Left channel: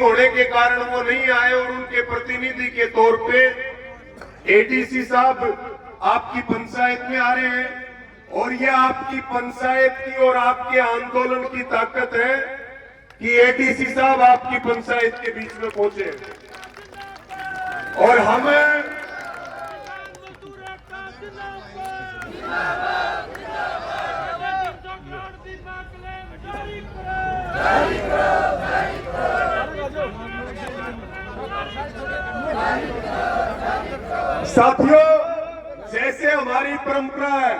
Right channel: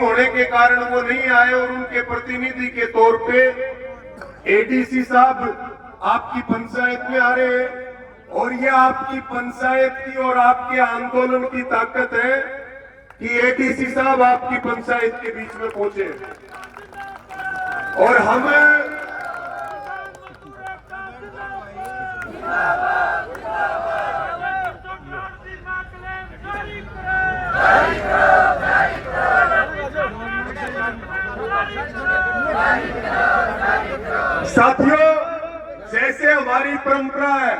Meeting होने के कारण वो नहीं आए और उनके प्रतिनिधि के तौर पे एडीसी साहब आपकी पंचायत में आ रहे हैं और ये आपकी पंचायत की और आपके आंदोलन की ताकत है कि एडीसी साहब आपकी पंचायत के बीच में पहुंचे और हम साथियों, जैसे हमारी परंपरा है,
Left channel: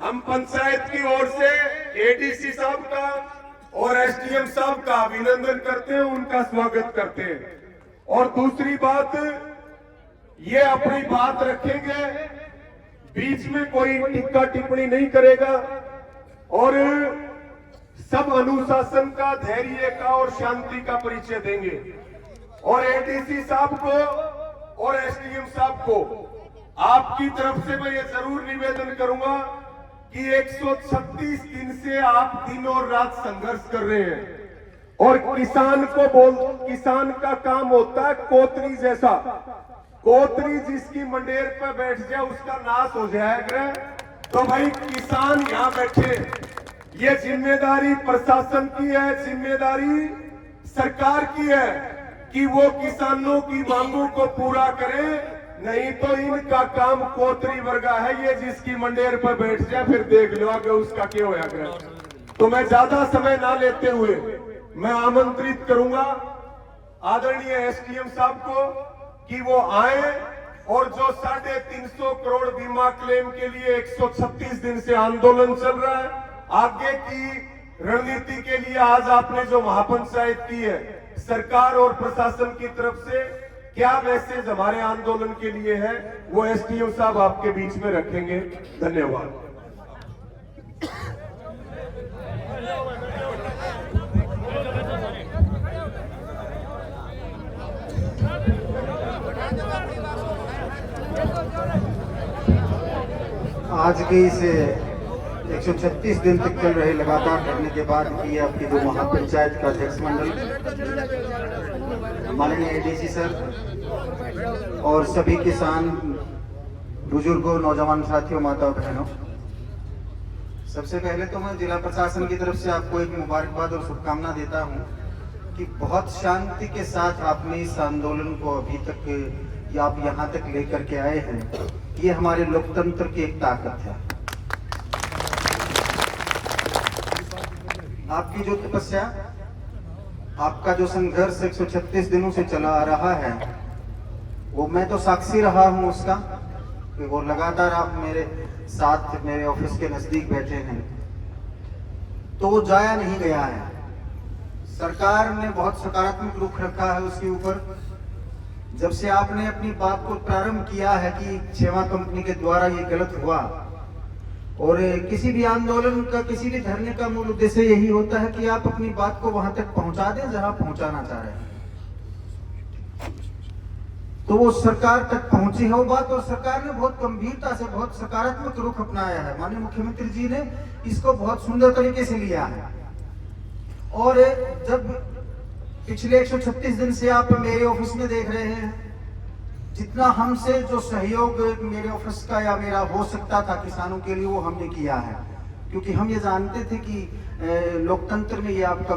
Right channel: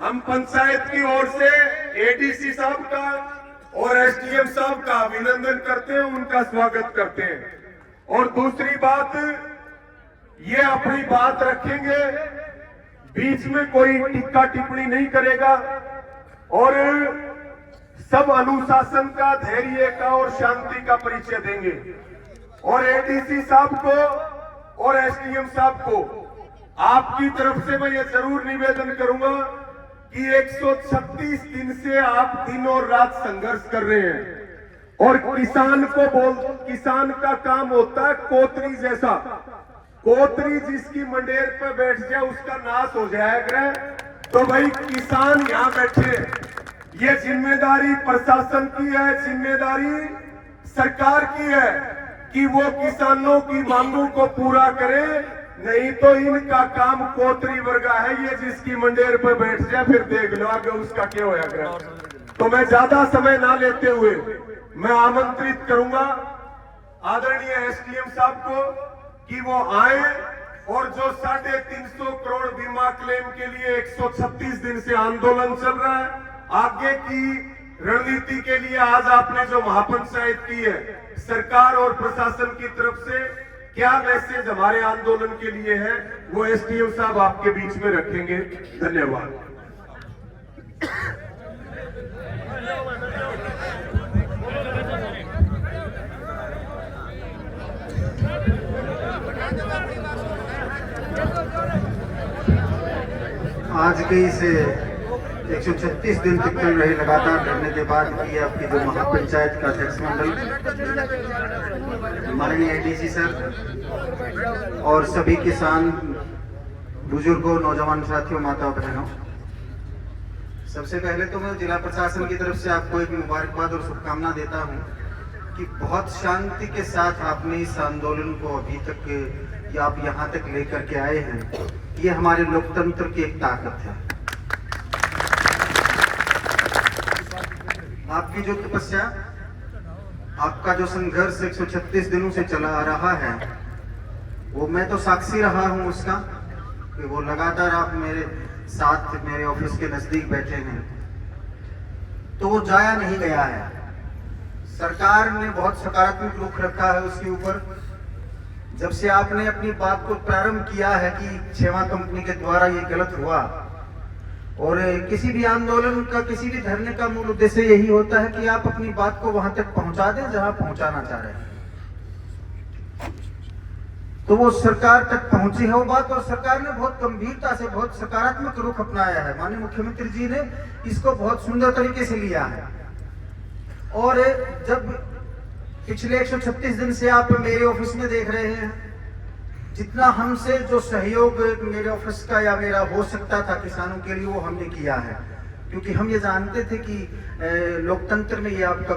हम पंचायत की ओर से एडीसी साहब का और एसडीएम साहब का अभिनंदन करते हैं, उनका स्वागत करते हैं। और दूसरी बात, ये अपनी बात रखेंगे, बीच में कोई टिक्का टिप्पणी नहीं करेगा और सब अनुशासन का, धैर्य का और शांति का परिचय देंगे। और एडीसी साहब को और एसडीएम साहब को आपकी तरफ से मैं ये जरूर निवेदन करूंगा कि 136 दिन से आप दिन और रात संघर्ष कर रहे हैं और किसान का काम होता है कोतरी जैसा। कोतरी जिसकी मंडेर पर बैठ जाए उसका नाश हो जाएगा। तो भाई किसान यहां बैठे, ये जिम्मेदारी प्रशासन की है, जिम्मेदारी सरकार की है कि वो किसानों की मांगों को पूरा करे, नहीं तो इनका काम कोतरी वर्गा है। ये जिसकी मंडेर पर बैठ जाए फिर देख लो आगे उसका क्या होगा। तो मैं ज्यादा समय ना लेते हुए मैं आमंत्रित करूंगा आदरणीय एसडीएम साहब को कि वो आए और जो 350 करोड़ बीमा क्लेम के लिए 136 दिन से आंदोलन चल रहा है, आगे की रणनीति के लिए आज आपने जो महापंचायत की है, सरकार और प्रशासन की तरफ से क्या मैसेज हमारे आंदोलन के लिए है, वो एसडीएम साहब आपके बीच में रखेंगे। धन्यवाद। आज के इस 136 दिन तक चल रहे लगातार धरने के बाद की आपकी जो महापंचायत का अध्यक्ष मंडल, माननीय एडीसी सर और सभी किसान, बुजुर्गों, नौजवान साथियों, माताओं, बहनों, सबसे पहले तो मैं जिला प्रशासन की तरफ से आपको एक मुबारकबाद और शुभकामना देता हूं कि बहुत शांति के साथ आपने इस आंदोलन को अभी तक या आप यहाँ तक लेकर के आए हैं। ये हमारे लोकतंत्र की एक ताकत है। आपकी जो तपस्या, आपका जो संघर्ष 136 दिनों से चला आ रहा है, वो मैं तो साक्षी रहा हूं उसका कि वो लगातार आप मेरे साथ मेरे ऑफिस के नजदीक बैठे हैं, तो वो जाया नहीं गया है। सरकार ने बहुत सकारात्मक रुख रखा है उसके ऊपर। जब से आपने अपनी बात को प्रारंभ किया है कि क्षेमा कंपनी के द्वारा ये गलत हुआ, और किसी भी आंदोलन का, किसी भी धरने का मूल उद्देश्य यही होता है कि आप अपनी बात को वहां तक पहुंचा दें जहां पहुंचाना चाह रहे हैं। तो वो सरकार तक पहुंची है वो बात, और सरकार ने बहुत गंभीरता से, बहुत सकारात्मक रुख अपनाया है। माननीय मुख्यमंत्री जी ने इसको बहुत सुंदर तरीके से लिया है। और जब पिछले 136 दिन से आप मेरे ऑफिस में देख रहे हैं, जितना हमसे जो सहयोग मेरे ऑफिस का या मेरा हो सकता था किसानों के लिए, वो हमने किया है। क्योंकि हम ये जानते थे कि लोकतंत्र में ये आपका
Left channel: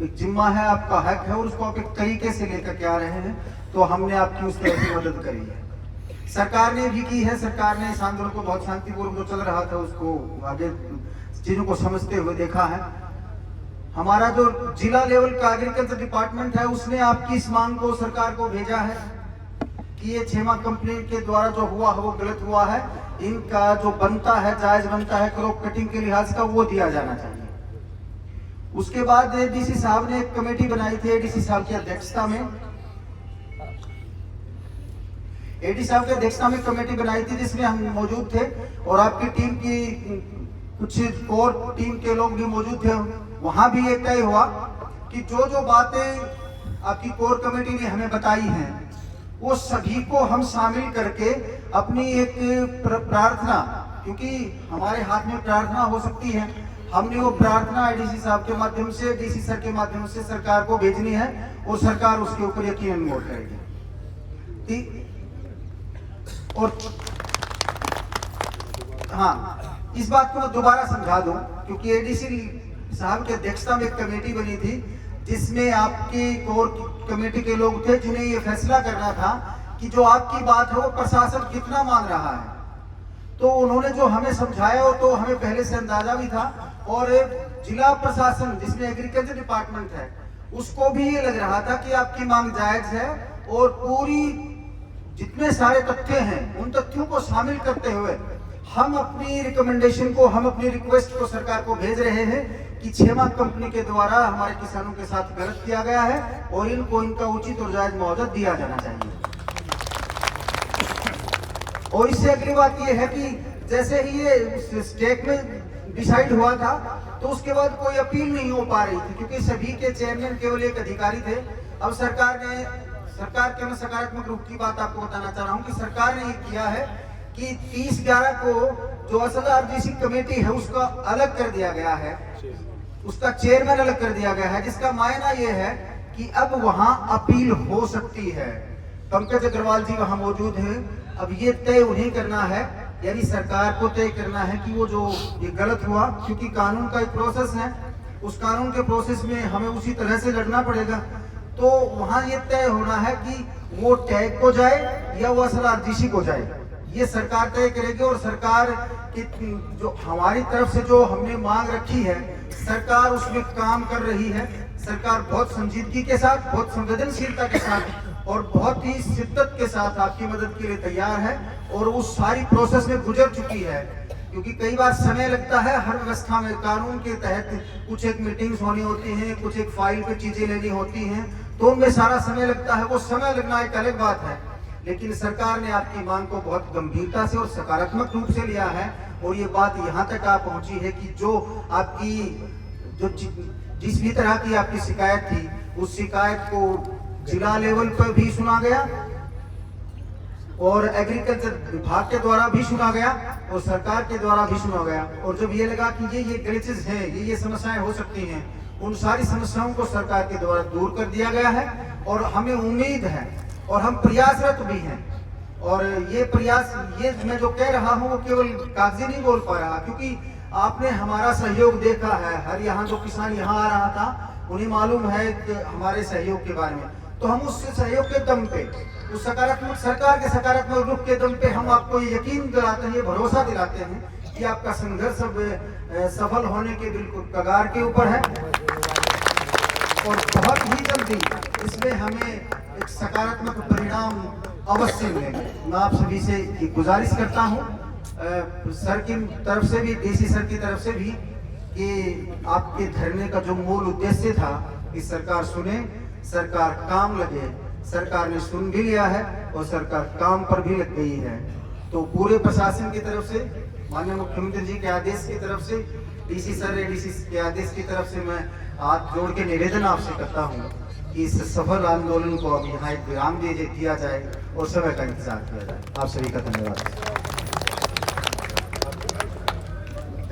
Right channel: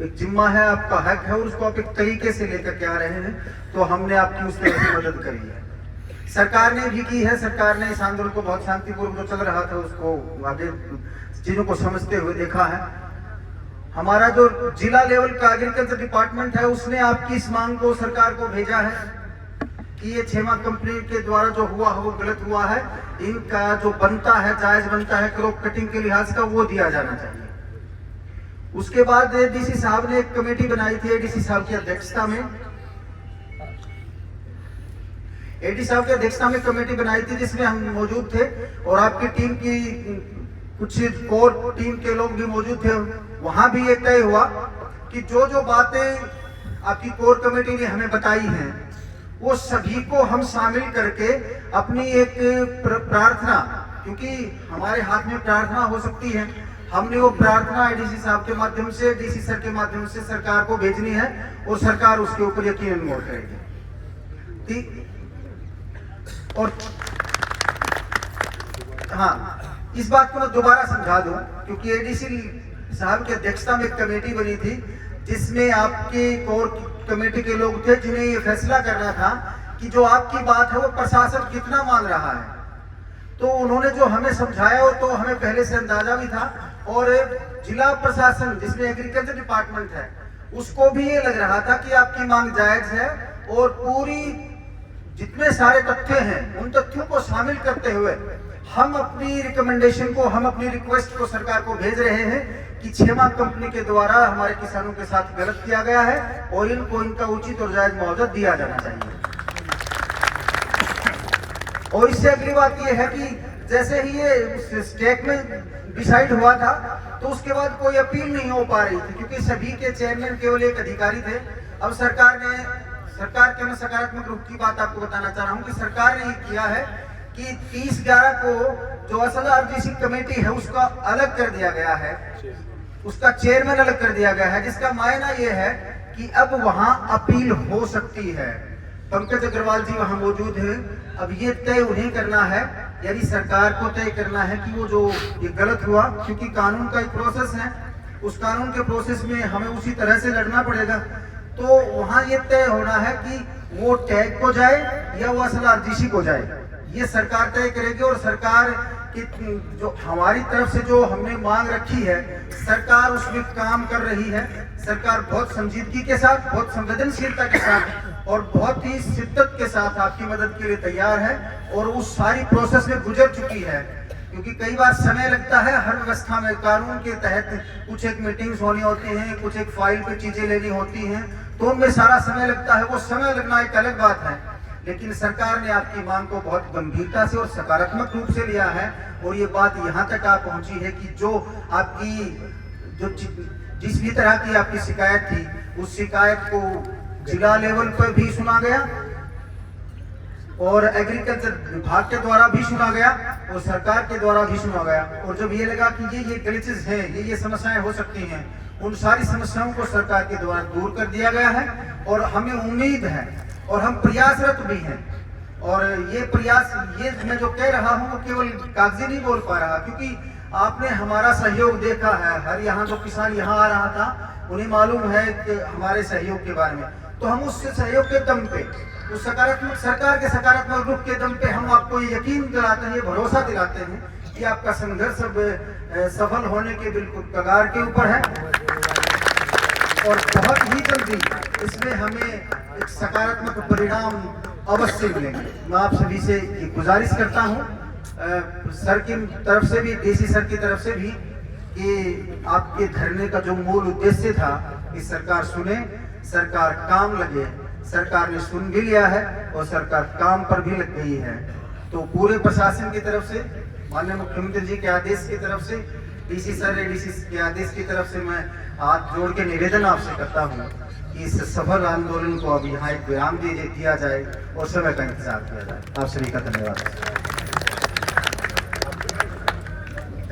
एक जिम्मा है, आपका हक है, और उसको आप एक तरीके से लेकर के आ रहे हैं, तो हमने आपकी उस तरह से मदद करी है। सरकार ने भी की है। सरकार ने इस आंदोलन को बहुत शांतिपूर्वक जो चल रहा था उसको आगे चीजों को समझते हुए देखा है। हमारा जो जिला लेवल का एग्रीकल्चर डिपार्टमेंट है, उसने आपकी इस मांग को सरकार को भेजा है कि ये क्षेमा कंपनी के द्वारा जो हुआ है वो गलत हुआ है, इनका जो बनता है, जायज बनता है क्रॉप कटिंग के लिहाज का, वो दिया जाना चाहिए। उसके बाद एडीसी साहब ने एक कमेटी बनाई थी, एडीसी साहब की अध्यक्षता में, एडीसी साहब की अध्यक्षता में कमेटी बनाई थी जिसमें हम मौजूद थे और आपकी टीम की कुछ कोर टीम के लोग भी मौजूद थे। वहां भी ये तय हुआ कि जो जो बातें आपकी कोर कमेटी ने हमें बताई हैं, वो सभी को हम शामिल करके अपनी एक प्रार्थना, क्योंकि हमारे हाथ में प्रार्थना हो सकती है, हमने वो प्रार्थना एडीसी साहब के माध्यम से, डीसी सर के माध्यम से सरकार को भेजनी है और सरकार उसके ऊपर यकीनन गौर करेगी। और हाँ, इस बात को मैं दोबारा समझा दूं, क्योंकि एडीसी साहब की अध्यक्षता में एक कमेटी बनी थी जिसमें आपके कोर कमेटी के लोग थे, जिन्हें ये फैसला करना था कि जो आपकी बात है वो प्रशासन कितना मान रहा है। तो उन्होंने जो हमें समझाया, तो हमें पहले से अंदाजा भी था, और जिला प्रशासन जिसमें एग्रीकल्चर डिपार्टमेंट है उसको भी ये लग रहा था कि आपकी मांग जायज है, और पूरी जितने सारे तथ्य हैं उन तथ्यों को शामिल करते हुए हम अपनी रिकमेंडेशन को, हम अपनी रिक्वेस्ट को सरकार को भेज रहे हैं कि छेमा कंपनी के द्वारा हमारे किसानों के साथ गलत किया गया है और इनको इनका उचित और जायज मुआवजा दिया जाना चाहिए। और इससे अगली बात यह है कि जैसे ही ये स्टेट में डिसाइड हुआ था तो उसके बाद कोई अपील नहीं हो पा रही थी, क्योंकि सभी के चेयरमैन केवल एक अधिकारी थे। अब सरकार के मैं सकारात्मक रूप की बात आपको बताना चाह रहा हूं कि सरकार ने ये किया है कि 30/11 को जो असल आरजीसी कमेटी है उसका अलग कर दिया गया है, उसका चेयरमैन अलग कर दिया गया है, जिसका मायना यह है कि अब वहां अपील हो सकती है। पंकज अग्रवाल जी वहां मौजूद हैं। अब ये तय उन्हें करना है, यानी सरकार को तय करना है कि वो जो ये गलत हुआ, क्योंकि कानून का एक प्रोसेस है, उस कानून के प्रोसेस में हमें उसी तरह से लड़ना पड़ेगा। तो वहां ये तय होना है कि वो टैग को जाए या वो असल आरजीसी को जाए, ये सरकार तय करेगी। और सरकार की जो हमारी तरफ से जो हमने मांग रखी है, सरकार उसमें काम कर रही है। सरकार बहुत संजीदगी के साथ, बहुत संवेदनशीलता के साथ और बहुत ही शिद्दत के साथ आपकी मदद के लिए तैयार है, और उस सारी प्रोसेस में गुजर चुकी है। क्योंकि कई बार समय लगता है हर व्यवस्था में, कानून के तहत कुछ एक मीटिंग्स होनी होती हैं, कुछ एक फाइल पे चीजें लेनी होती हैं, तो उनमें सारा समय लगता है। वो समय लगना एक अलग बात है, लेकिन सरकार ने आपकी मांग को बहुत गंभीरता से और सकारात्मक रूप से लिया है। और ये बात यहाँ तक आ पहुंची है कि जो आपकी जिस भी तरह की आपकी शिकायत थी, उस शिकायत को जिला लेवल पर भी सुना गया और एग्रीकल्चर विभाग के द्वारा भी सुना गया और सरकार के द्वारा भी सुना गया। और जब ये लगा कि ये ग्लिचेस हैं, ये समस्याएं हो सकती हैं, उन सारी समस्याओं को सरकार के द्वारा दूर कर दिया गया है। और हमें उम्मीद है और हम प्रयासरत भी हैं। और ये प्रयास, ये मैं जो कह रहा हूँ वो केवल कागजी नहीं बोल पा रहा, क्योंकि आपने हमारा सहयोग देखा है। हर यहाँ जो किसान यहाँ आ रहा था उन्हें मालूम है कि हमारे सहयोग के बारे में, तो हम उस सहयोग के दम पे, उस सकारात्मक सरकार के सकारात्मक रूप के दम पे हम आपको ये यकीन दिलाते हैं, ये भरोसा दिलाते हैं कि आपका संघर्ष अब सफल होने के बिल्कुल कगार के ऊपर है। और बहुत ही जल्दी इसमें हमें एक सकारात्मक परिणाम अवश्य मिलेंगे। मैं आप सभी से ये गुजारिश करता हूँ, सर की तरफ से भी, डीसी सर की तरफ से भी, कि आपके धरने का जो मूल उद्देश्य था कि सरकार सुने, सरकार काम लगे। सरकार ने सुन भी लिया है और सरकार काम पर भी लग गई है। तो पूरे प्रशासन की तरफ से, माननीय मुख्यमंत्री जी के आदेश की तरफ से, डीसी सर एडीसी के आदेश की तरफ से मैं हाथ जोड़ के निवेदन आपसे करता हूँ कि इस सफल आंदोलन को अब यहाँ एक विराम दिया जाए और समय का इंतजार किया जाए। आप सभी का धन्यवाद।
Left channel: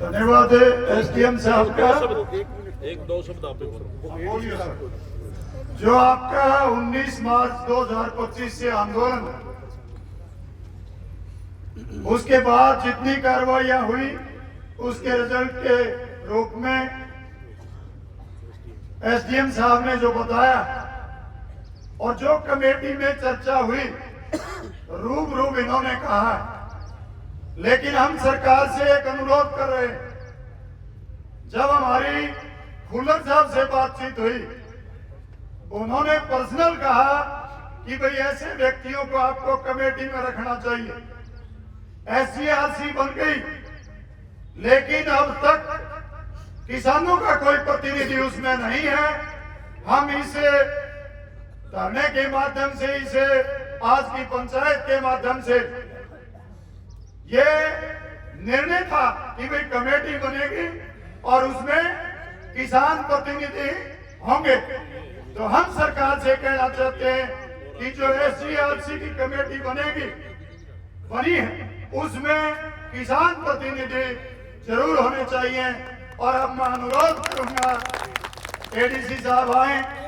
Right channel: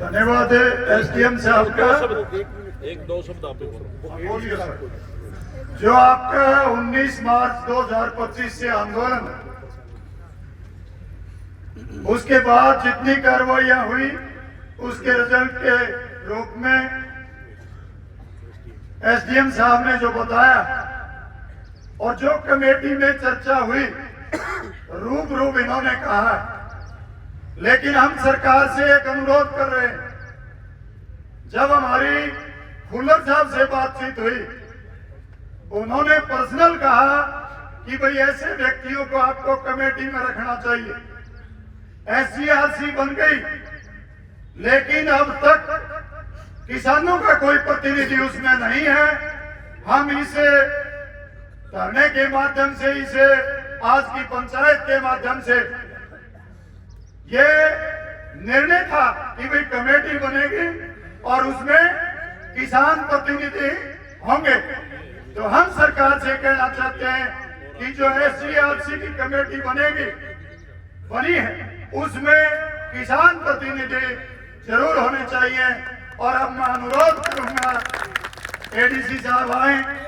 धन्यवाद एसडीएम साहब का। एक दो शब्द आप बोलिए सर। जो आपका 19 मार्च 2025 से आंदोलन, उसके बाद जितनी कार्रवाइयां हुई उसके रिजल्ट के रूप में एसडीएम साहब ने जो बताया और जो कमेटी में चर्चा हुई, रूबरू इन्होंने कहा। लेकिन हम सरकार से एक अनुरोध कर रहे हैं, जब हमारी खुल्लर साहब से बातचीत हुई, उन्होंने पर्सनल कहा कि भाई ऐसे व्यक्तियों को आपको कमेटी में रखना चाहिए। एससीआरसी बन गई, लेकिन अब तक किसानों का कोई प्रतिनिधि उसमें नहीं है। हम इसे धरने के माध्यम से, इसे आज की पंचायत के माध्यम से ये निर्णय था कि भाई कमेटी बनेगी और उसमें किसान प्रतिनिधि होंगे। तो हम सरकार से कहना चाहते हैं कि जो एससीआरसी की कमेटी बनी है, उसमें किसान प्रतिनिधि जरूर होने चाहिए और अब मैं अनुरोध करूंगा एडीसी साहब आए